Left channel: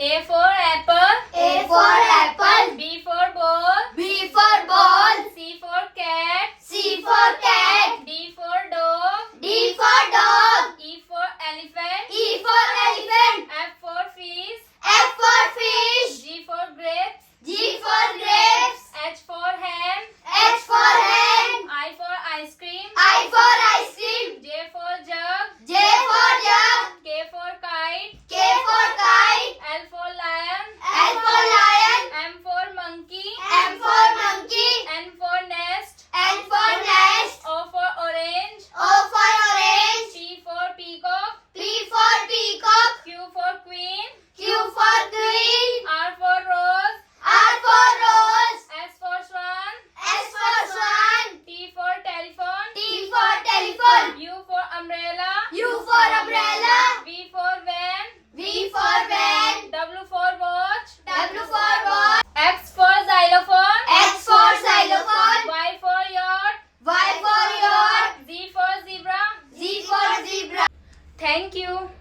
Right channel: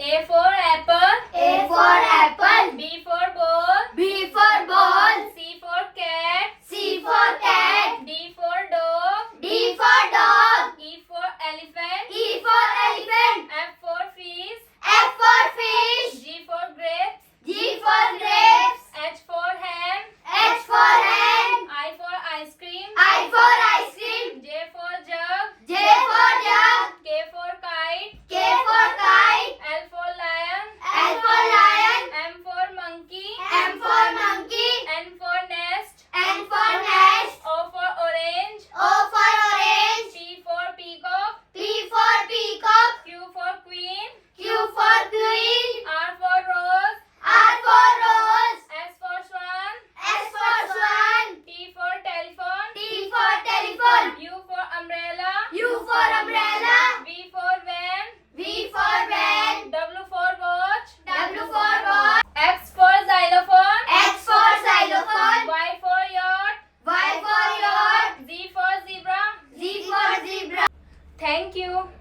A for apple. A for apple. B for ball. B for ball. C for cat. C for cat. D for dog. D for dog. E for elephant. E for elephant. F for fish. F for fish. G for grapes. G for grapes. H for hen. H for hen. I for ice cream. I for ice cream. J for jug. J for jug. K for kite. K for kite. L for lion. L for lion. M for monkey. M for monkey. N for nest. N for nest. O for orange. O for orange. P for peacock. P for peacock. Q for queen. Q for queen. R for rose. R for rose. S for swan. S for swan. T for telephone. T for telephone. U for umbrella. U for umbrella. V for van. V for van. W for watch. W for watch. X for xylophone. X for xylophone. Y for yacht. Y for yacht. Z for zebra. Z for zebra. Thank you.